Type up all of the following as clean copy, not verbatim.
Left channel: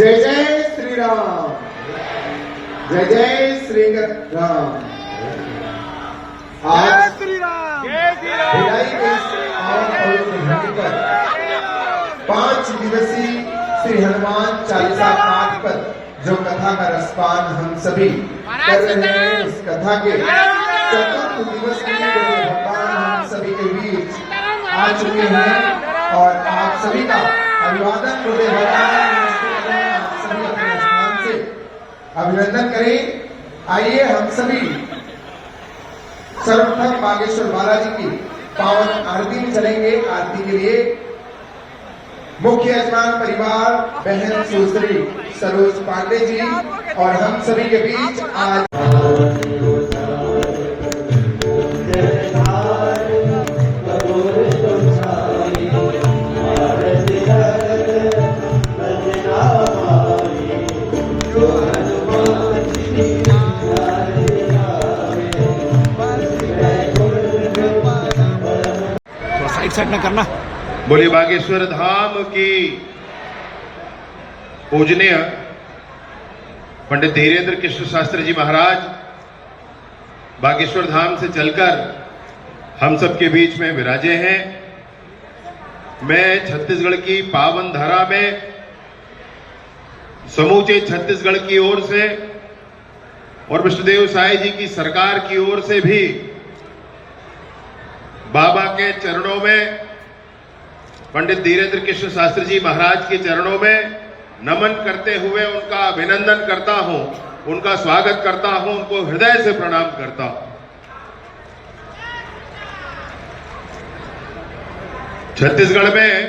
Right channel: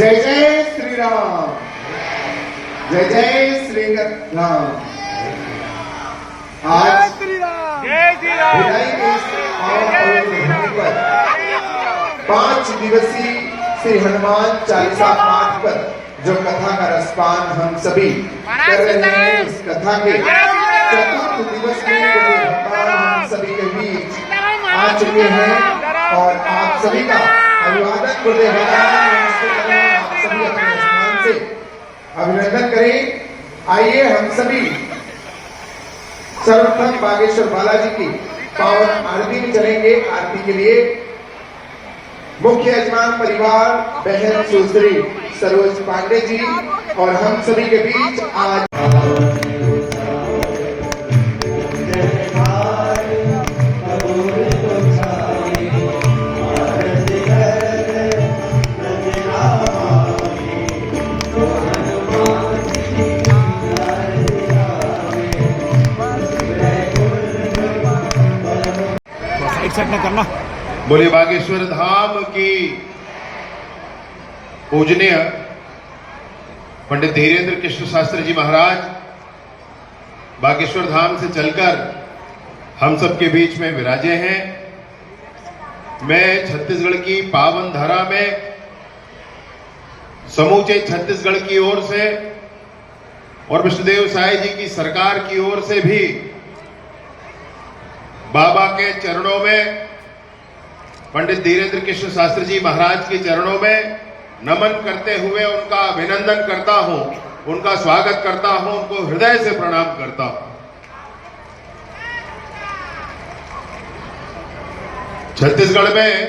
जय जय श्री राम, जय जय श्री राम। आज श्री राम, भिलाई के इस पावन पवित्र भूमि पर 5 दिवसीय श्री हनुमान चालीसा पाठ पर जो कथा का रसपान हम सभी कर रहे हैं, इस कथा के चतुर्थ दिवस में भगवान हम सभी के बीच आ चुके हैं और आप सभी का अभिवादन करते हुए आप सभी अपने स्थान से अभिनंदन करें। आइए हम सभी सर्वप्रथम बागेश्वर बालाजी की पावन आरती में चलेंगे। आरती के लिए मुख्य यजमान परिवार बहन सुश्री सरोज पांडे जी और हम सभी के बीच आज साइड न करना। बोले बागेश्वर धाम की पूजनीय पंडित धीरेन्द्र कृष्ण शास्त्री जी महाराज बागेश्वर धाम से चलकर हम सबके बीच में विराजे हैं। मैं छत्तीसगढ़ की पावन धरा में समूचे छत्तीसगढ़ की ओर से और विष्णुदेव साई जी की सरकार की ओर से भी बाबा के चरणों में, पंडित धीरेन्द्र कृष्ण शास्त्री जी महाराज के चरणों में नमन करते हुए उनका अभिनंदन करता हूं, उनका स्वागत करता हूं, उनको हृदय से प्रणाम करता हूं। छत्तीसगढ़ में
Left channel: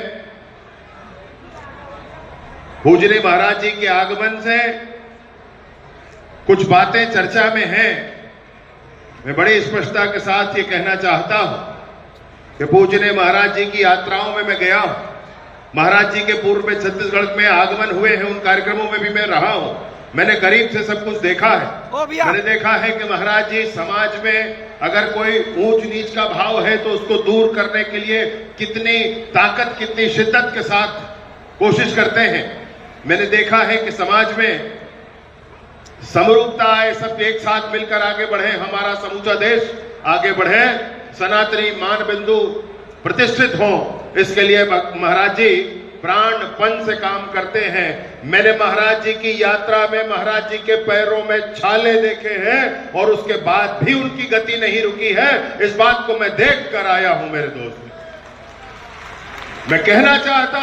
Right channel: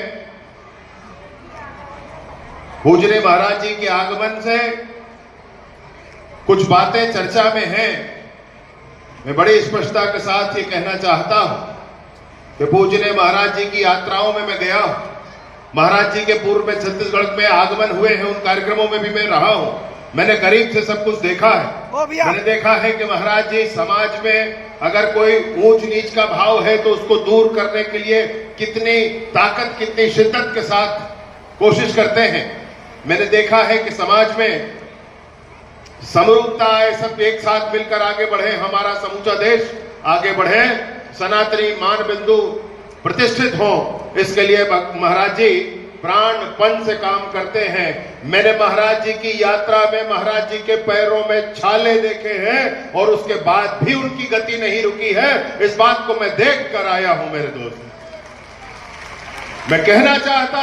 पूजने महाराज जी के आगमन से कुछ बातें चर्चा में हैं। मैं बड़ी स्पष्टता के साथ ये कहना चाहता हूं कि पूजने महाराज जी की यात्राओं में मैं गया हूं। महाराज जी के पूर्व में छत्तीसगढ़ में आगमन हुए हैं, उन कार्यक्रमों में भी मैं रहा हूं। मैंने करीब से सब कुछ देखा है। मैंने देखा है कि महाराज जी समाज में अगर कोई ऊंच नीच का भाव है तो उसको दूर करने के लिए कितनी ताकत, कितनी शिद्दत के साथ कोशिश करते हैं। मैंने देखा है कि समाज में समरूपता आए, सब एक साथ मिलकर आगे बढ़े, हमारा समूचा देश आगे बढ़े, सनातनी मान बिंदु प्रतिष्ठित हो, इसके लिए महाराज जी प्राणपण से काम करते हैं। मैंने महाराज जी की यात्रा में महाराज जी के पैरों में छाले देखे हैं और उसके बाद भी उनकी गति नहीं रुकी है। इस बात को मैं देख कर आया हूं मेरे दोस्त। मैं कहना चाहता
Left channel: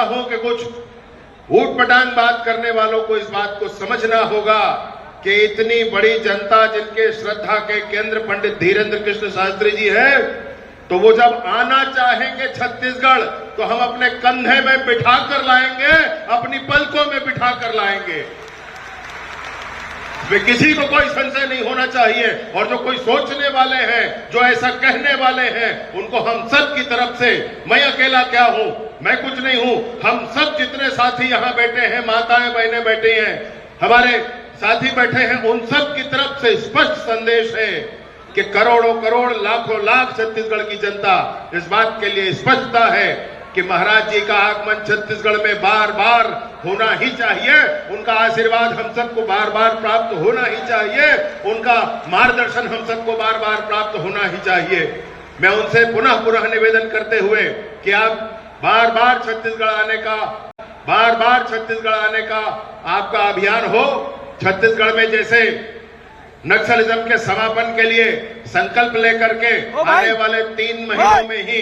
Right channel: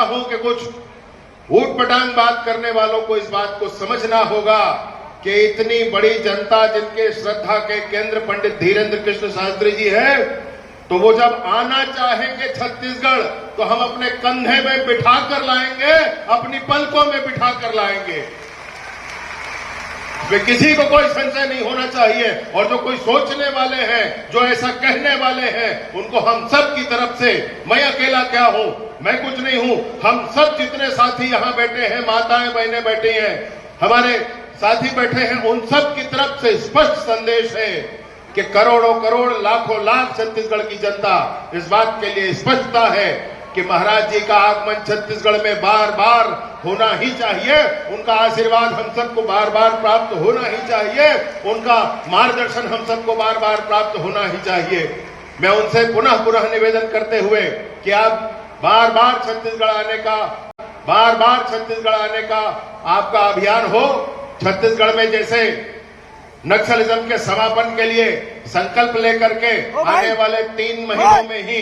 हूं कि कुछ ऊट पटांग बात करने वालों को इस बात को समझना होगा कि इतनी बड़ी जनता जिनके श्रद्धा के केंद्र पंडित धीरेन्द्र कृष्ण शास्त्री जी हैं, तो वो जब आना चाहेंगे छत्तीसगढ़ तो हम अपने कंधे में बिठा कर लाएंगे, अपनी पलकों में बिठा कर लाएंगे। इसमें किसी को कोई संशय नहीं होना चाहिए। और जो कोई सोचने वाले हैं, जो ऐसा कहने वाले हैं, उनको हम सब की तरफ से, मैं अकेला क्या हूं, मैं कुछ नहीं हूं, हम सब जितने साथी यहां बैठे हैं, माताएं बहनें बैठी हैं, हमारे साथी बैठे हैं, उन सब की तरफ से स्पष्ट संदेश है कि करोड़ों करोड़, लाखों लाख छत्तीसगढ़ की जनता इस बात के लिए स्पष्टता है कि महाराज जी का आगमन छत्तीसगढ़ में बार बार होना ही चाहिए। उनका आशीर्वाद हम सबको बार बार प्राप्त होना ही चाहिए। उनका मार्गदर्शन हम सबको बार बार प्राप्त होना ही चाहिए। मैं उनसे पुनः पुनः निवेदन करते हुए कि आप बार बार छत्तीसगढ़ आने का आपका अभियान हो। छत्तीसगढ़ में जैसे नक्सलिज्म के समापन के लिए संकल्प लेकर के आने वाले 3 महीनों में ही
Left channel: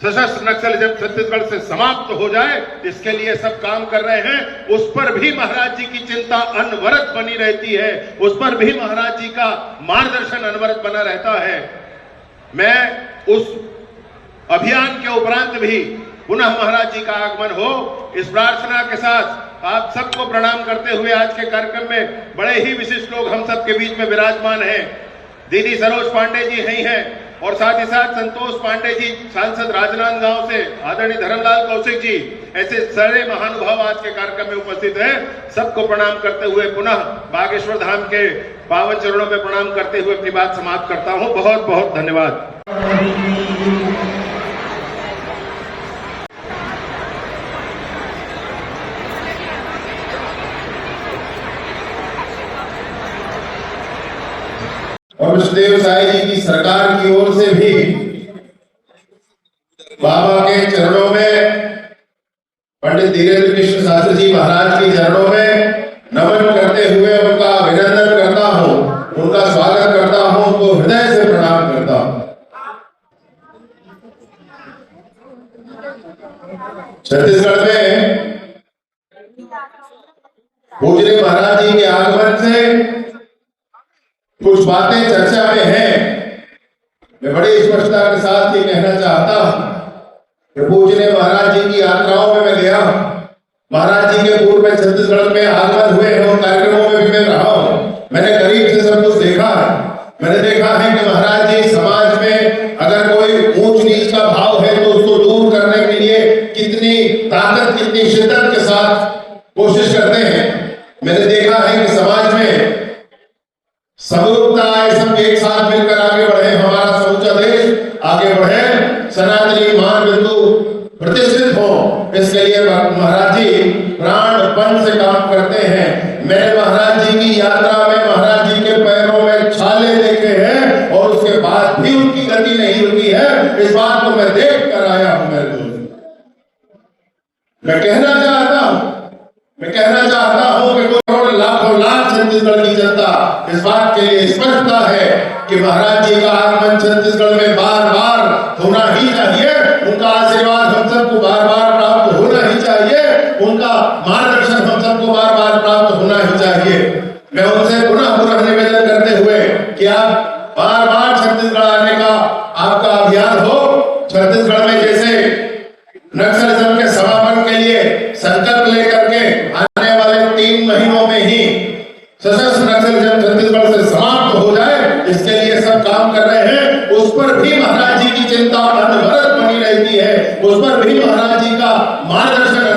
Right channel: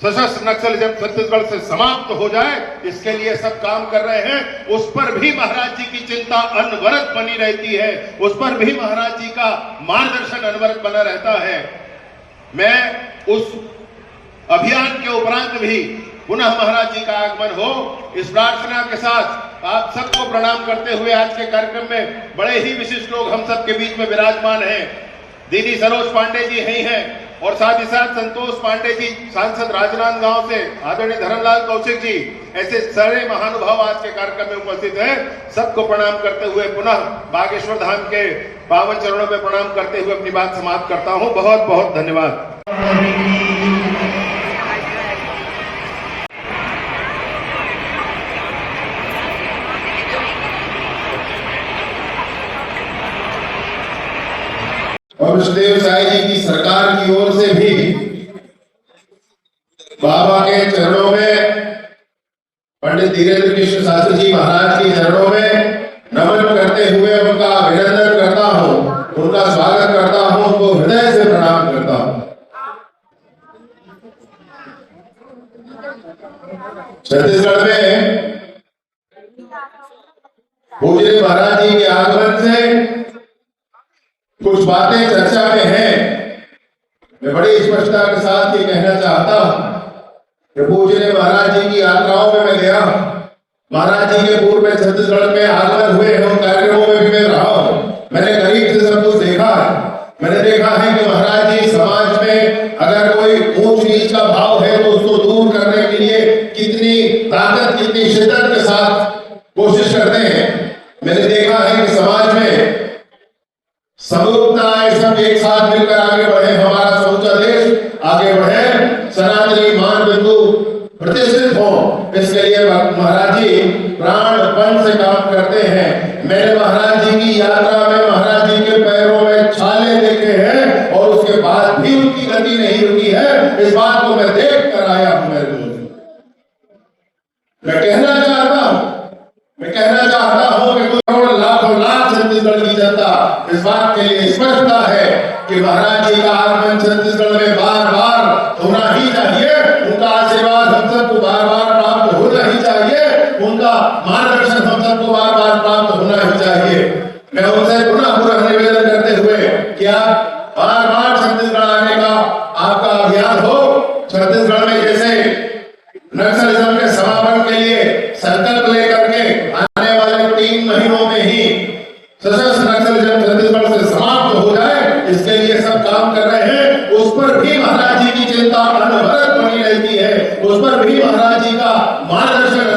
सशस्त्र नक्सलिज्म छत्तीसगढ़ से समाप्त हो जाए, इसके लिए सब काम कर रहे हैं। उस पर भी महाराज जी की चिंता अनवरत बनी रहती है, उस पर भी महाराज जी का मार्गदर्शन अनवरत बना रहता है। मैं उस अभियान के उपरांत भी पुनः महाराज जी का आगमन हो, इस प्रार्थना के साथ आप सबको प्रणाम करते हुए आज के कार्यक्रम में बड़े ही विशिष्ट लोग हम सबके बीच में विराजमान हैं। दीदी सरोज पांडे जी हैं और साथ ही साथ संतोष पांडे जी, सांसद राजनांदगांव से आदरणीय धर्मलाल कौशिक जी, ऐसे सारे महानुभाव आज के कार्यक्रम में उपस्थित हैं। सबको प्रणाम करते हुए पुनः बागेश्वर धाम के पावन चरणों में प्रणाम करते हुए अपनी बात समाप्त करता हूं। बहुत बहुत धन्यवाद। और विष्णुदेव साई जी की सरकार की ओर से भी बाबा के चरणों में, पंडित धीरेन्द्र कृष्ण शास्त्री जी महाराज के चरणों में नमन करते हुए उनका अभिनंदन करता हूँ, उनका स्वागत करता हूँ, उनको हृदय से प्रणाम करता हूँ। छत्तीसगढ़ में पूज्य महाराज जी के आगमन से कुछ बातें चर्चा में हैं। मैं बड़ी स्पष्टता के साथ ये कहना चाहता हूं कि पूज्य महाराज जी की यात्राओं में मैं गया हूं, महाराज जी के पूर्व में छत्तीसगढ़ में आगमन हुए हैं, उन कार्यक्रमों में भी मैं रहा हूं। मैंने करीब से सब कुछ देखा है। मैंने देखा है कि महाराज जी समाज में अगर कोई ऊंच नीच का भाव है तो उसको दूर करने के लिए कितनी ताकत, कितनी शिद्दत के साथ कोशिश करते हैं। मैंने देखा है कि समाज में समरूपता सब एक साथ मिलकर आगे बढ़े, हमारा समूचा देश आगे बढ़े, सनातनी मान बिंदु प्रतिष्ठित हो, इसके लिए महाराज जी प्राणपण से काम करते हैं। मैंने महाराज जी की यात्रा में महाराज जी के पैरों में छाले देखे हैं और उसके बाद भी उनकी गति नहीं रुकी है। इस बात को मैं देख कर आया हूं। मेरे दोस्त, मैं कहना चाहता हूं कि करोड़ लाखों लाख छत्तीसगढ़ की जनता इस बात के लिए स्पष्टता है कि महाराज जी का आगमन छत्तीसगढ़ में बार बार होना ही चाहिए। उनका आशीर्वाद हम सबको बार बार प्राप्त होना ही चाहिए, उनका मार्गदर्शन हम सबको बार बार प्राप्त होना ही चाहिए। मैं उनसे पुनः निवेदन करते हुए कि आप बार बार छत्तीसगढ़ आने का आपका अभियान हो। छत्तीसगढ़ में जैसे नक्सलिज्म के समापन के लिए संकल्प लेकर के आने वाले 3 महीनों में ही सशस्त्र नक्सलिज्म छत्तीसगढ़ से समाप्त हो जाए, इसके लिए सब काम कर रहे हैं। उस पर भी महाराज जी की चिंता अनवरत बनी रहती है, उस पर भी महाराज जी का मार्गदर्शन